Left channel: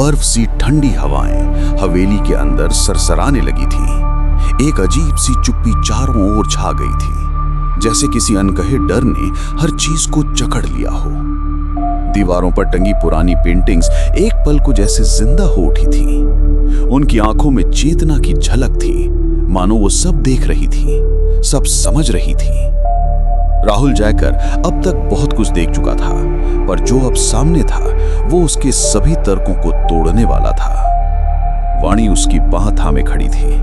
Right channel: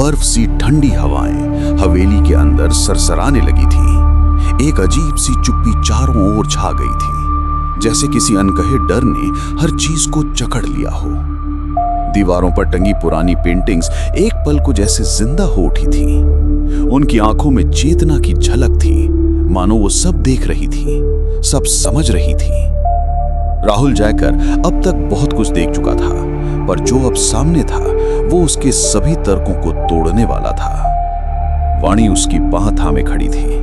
बर्फ सी ठंडी हवाएं हवेली के अंदर सरसराने लगी थीं। एक अजीब सी चुप्पी चारों ओर छा गई थी, जैसे किसी अनकहे डर ने हर चीज को जकड़ लिया हो। दीवारों पर टंगी पुरानी पेंटिंग्स एक पल को जैसे जिंदा हो उठी थीं। उनकी आंखों में चेतना की झलक थी, मानो वो सब देख रही थी, सब समझ रही थी। राहुल जयकर अब तक बहुत कुछ देख चुका था, पर जो अब सामने था वो उसके सभी तर्कों को तोड़ने वाला था। वाणी उसकी बाह थामे खड़ी थी।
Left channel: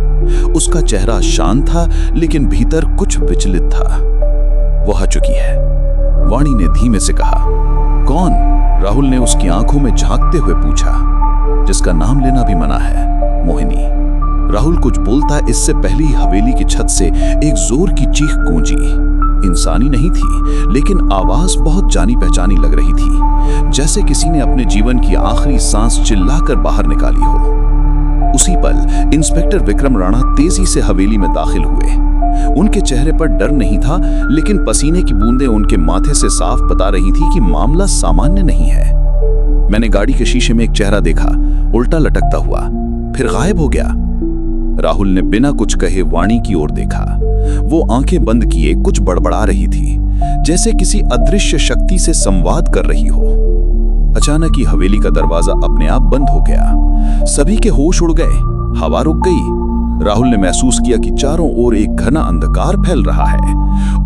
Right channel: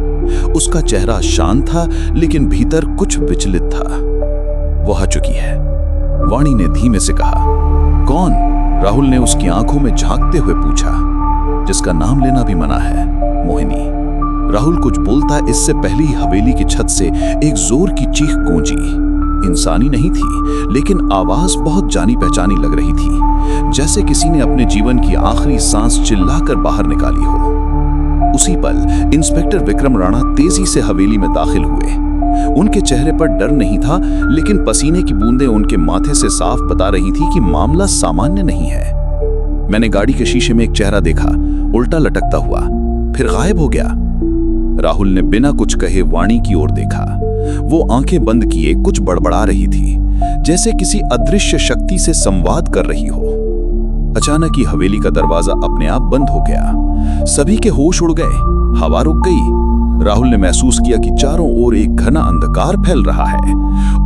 उसका चेहरा शांत था, लेकिन भीतर कुछ विचलित था। वो आ चुकी है, वाणी ने धीमे से कहा। कौन? राहुल ने उसकी आंखों में झांकते हुए पूछा। जिसका नाम लेना भी मना है, मोहिनी। राहुल कुछ बोलता इससे पहले ही हवेली की छत से एक जोर की चीख गूंजी। इंसानी नहीं थी, लेकिन आवाज बहुत जानी पहचानी लग रही थी, जैसे किसी ने अपने जीवन की आखिरी सांस चिल्लाकर बाहर निकाली हो। उसी पल इंस्पेक्टर विक्रम राणा तेजी से हवेली में दाखिल हुए। उनके चेहरे पर डर नहीं था, लेकिन पसीने की बूंदें उनके माथे से साफ बता रही थी कि मामला सामान्य नहीं है। मैंने गाड़ी के शीशे में एक चेहरा देखा, उल्टा लटकता हुआ, फिर गायब हो गया। राहुल ने बिना कुछ कहे वाणी की ओर देखा। वो आंखें बंद किए कुछ बड़बड़ा रही थी, जैसे किसी अदृश्य शक्ति से संवाद कर रही हो। अचानक ही हवेली का दरवाजा अपने आप बंद हो गया। सभी के होश उड़ गए, हवा रुक गई। राहुल ने महसूस किया कि चारों ओर एक घना अंधकार फैल रहा है,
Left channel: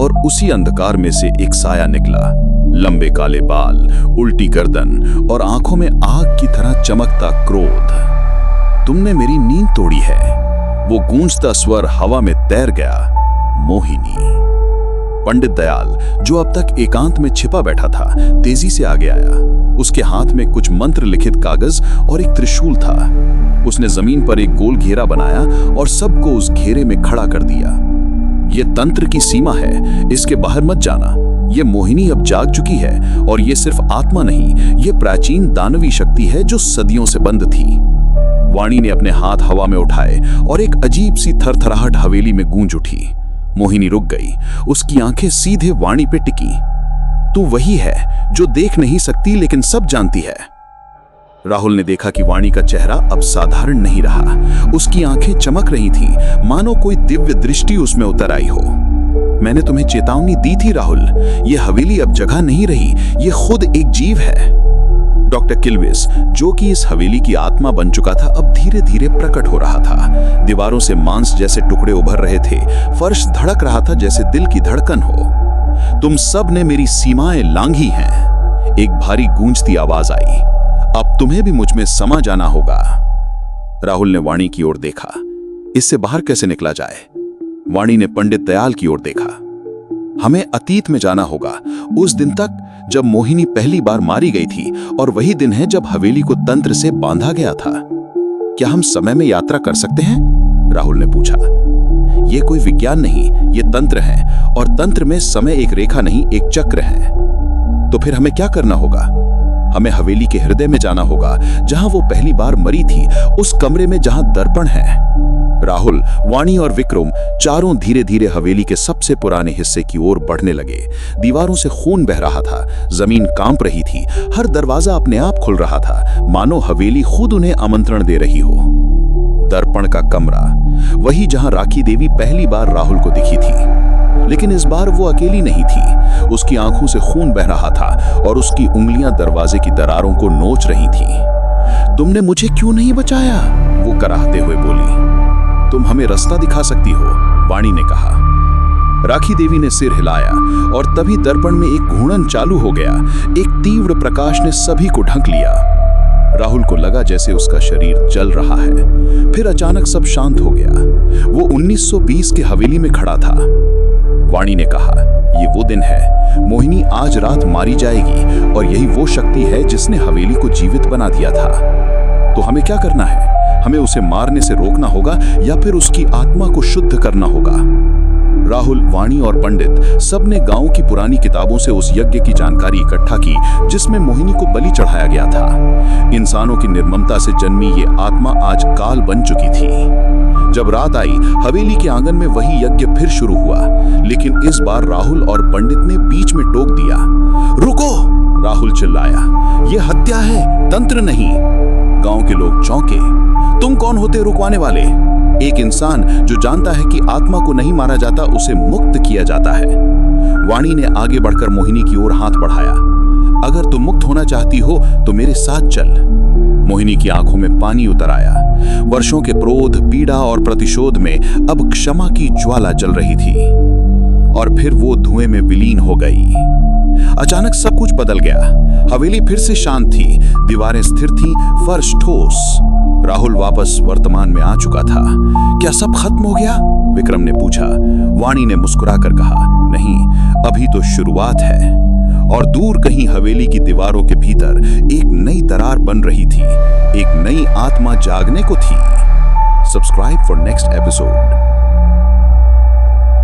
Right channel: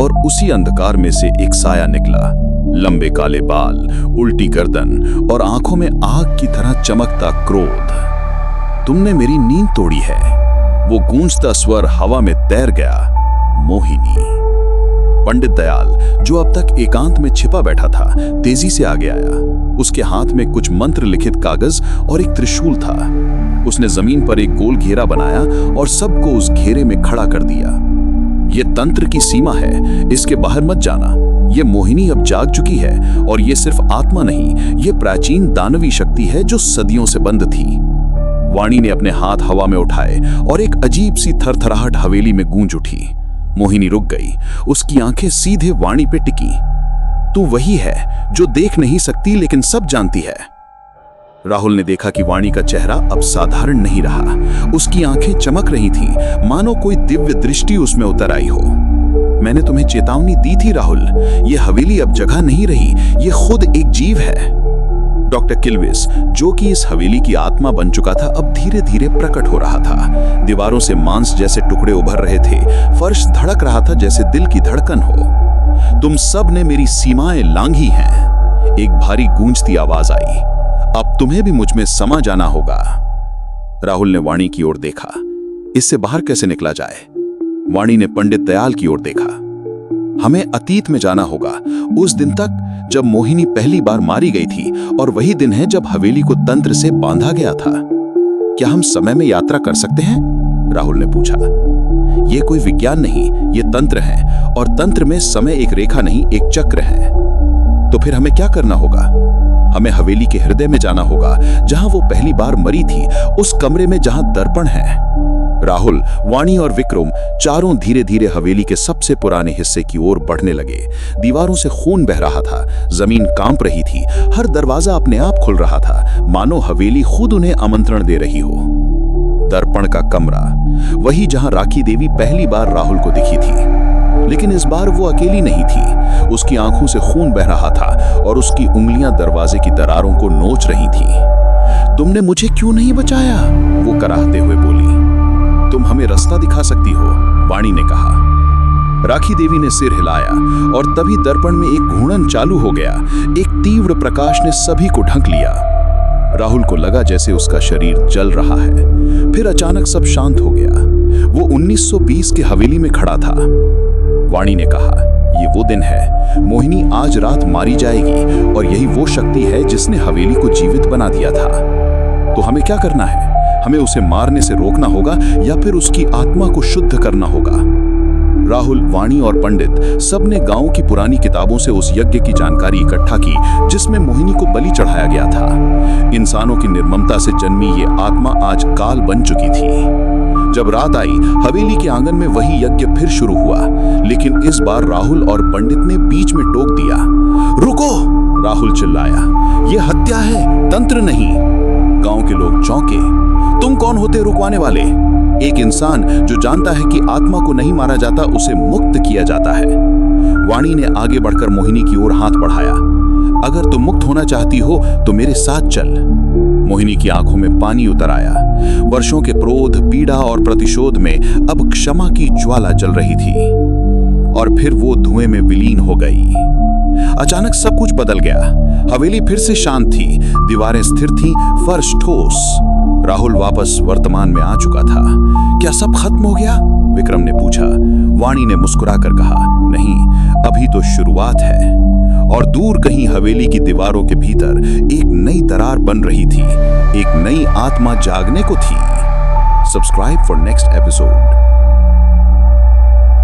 और उसी अंधकार में से एक साया निकला। लंबे काले बाल, उल्टी गर्दन और आंखों में आग की तरह चमकता क्रोध। तुमने मेरी नींद तोड़ी है, वो गूंजता स्वर हवा में तैर गया। मोहिनी। पंडित दयाल, जो अब तक एकांत में छिपा बैठा था, तेजी से आगे आया। उसके हाथ में कुछ मंत्र लिखित कागज और एक त्रिशूल था। उसने जमीन पर एक गोल घेरा बनाया और सबको उस घेरे में खड़ा कर दिया। यह तंत्र की सीमा है, इसके बाहर मत जाना। यह मोहिनी अब जाग चुकी है, और यह सिर्फ आत्मा नहीं, यह प्राचीन दानवी शक्ति है जो सदियों से बंद थी। वाणी ने अपने हाथ हवा में उठाए और एक अजीब सी थरथराहट हवेली में गूंज उठी। मोहिनी रुक गई, उसकी आंखें सीधे वाणी पे टिकी। तू वही है जो देख नहीं सकती लेकिन सब जानती है। राहुल ने देखा कि वाणी का चेहरा अब साधारण नहीं रहा। उसकी आंखें चमक रही थीं, मानो कोई दिव्य दृष्टि उसमें उतर आई हो। मैंने तुम्हें चेतावनी दी थी राहुल, यह हवेली अब जगह नहीं रही, यह खुद एक जीव है। डॉक्टर किल्विस, जो कि इस हवेली की आत्मा बन चुका था, अब धीरे धीरे प्रकट हो रहा था। दीवारों से मांस जैसे टुकड़े उभर रहे थे, फर्श धड़क रहा था जैसे दिल की धड़कन हो। तुम सब ने मेरी सीमाएं लांघी हैं, एक भारी गूंजती आवाज आई। अब तुम्हें भी मुझ में समा जाना होगा। राहुल ने वाणी की ओर देखा। इससे बाहर कैसे निकला जाए? वाणी ने पंडित दयाल की ओर देखा। हमें अतीत में जाना होगा, उस दिन तक जब मोहिनी पहली बार मारी गई थी, और वही दिन है जब हवेली को तंत्र से बांधा गया था। क्या हम समय में यात्रा कर सकते हैं? राहुल ने पूछा। यह कोई विज्ञान नहीं, यह तंत्र है, और तंत्र में समय एक रेखा नहीं, एक चक्र है। तो फिर हमें क्या करना होगा? हमें हवेली के हृदय में जाना होगा, जहां वो पहली बार मरी थी, उस कमरे में जहां दर्पण है। राहुल, वाणी और विक्रम चारों धीरे धीरे हवेली के सबसे पुराने हिस्से की ओर बढ़ने लगे। दीवारों से खून बह रहा था, जमीन कांप रही थी, हर दरवाजा अपने आप खुल रहा था, मानो हवेली खुद उन्हें आमंत्रण दे रही हो। दर्पण का कमरा, वही जहां राखी देवी पहली बार राहुल को दिखी थी, लेकिन इस बार वो अकेली नहीं थी। उसकी आंखों से खून बह रहा था, और उसकी उंगलियां दरवाजे की दरारों को नोच रही थीं। तुमने मुझे क्यों नहीं बचाया? वो कराहते हुए बोली। तुम हमें रास्ता दिखा सकती हो, वाणी ने कहा। राखी देवी ने सिर हिलाया, और तभी दर्पण में एक घूर्णन चालू हो गया। एक तीव्र प्रकाश ने सभी को ढक लिया। राहुल को लगा जैसे उसका शरीर जल रहा है। फिर अचानक सब शांत हो गया। वो 1920 के हवेली में खड़ा था। वाणी ने कहा, ये वो दिन है, मोहिनी आज रात मारी जाएगी, और यही वो शक्ति है जिसने हवेली को जीवित बना दिया था। तो हमें क्या करना है? हमें उसे मारने से रोकना होगा, या फिर उसकी आत्मा को शुद्ध करना होगा। राहुल, वाणी और पंडित सबने गांव की पुरानी किताबों से उस यज्ञ की जानकारी इकट्ठा की जिसमें मोहिनी को बलि चढ़ाया गया था। इंसानों की निर्ममता से जन्मी ये आत्मा आज काल बन चुकी थी। जब रात आई, हवेली के आंगन में वही यज्ञ फिर शुरू हुआ, लेकिन इस बार राहुल और पंडित ने बीच में टोक दिया। रुको! राहुल चिल्लाया, यह हत्या है, तंत्र नहीं। गांव के लोग चौंके। तुम कौन होते रुकवाने वाले? एक इंसान जो जानता है कि आत्मा को नहीं मारा जाता, उसे मुक्त किया जाता है। वाणी ने आगे बढ़कर मोहिनी की ओर हाथ बढ़ाया। अगर तुम मुक्त होना चाहती हो तो मेरे साथ चल। मोहिनी की आंखों में पानी उतर आया। वर्षों के क्रोध, पीड़ा और प्रतिशोध में अब क्षमा की ज्वाला जल रही थी। और फिर वो धुएं में विलीन हो गई। अचानक सब कुछ बदल गया। हवेली फिर से शांत थी, दीवारें स्थिर थीं, फर्श ठोस। राहुल वापस वर्तमान में आ चुका था। क्या सब खत्म हो गया? विक्रम ने पूछा। वाणी ने मुस्कुराकर कहा, नहीं, अभी तो शुरुआत है। और दूर कहीं हवेली की दीवारों के भीतर एक नई दरार बन रही थी, एक नई आत्मा जागने को थी। Subscribe for next episode.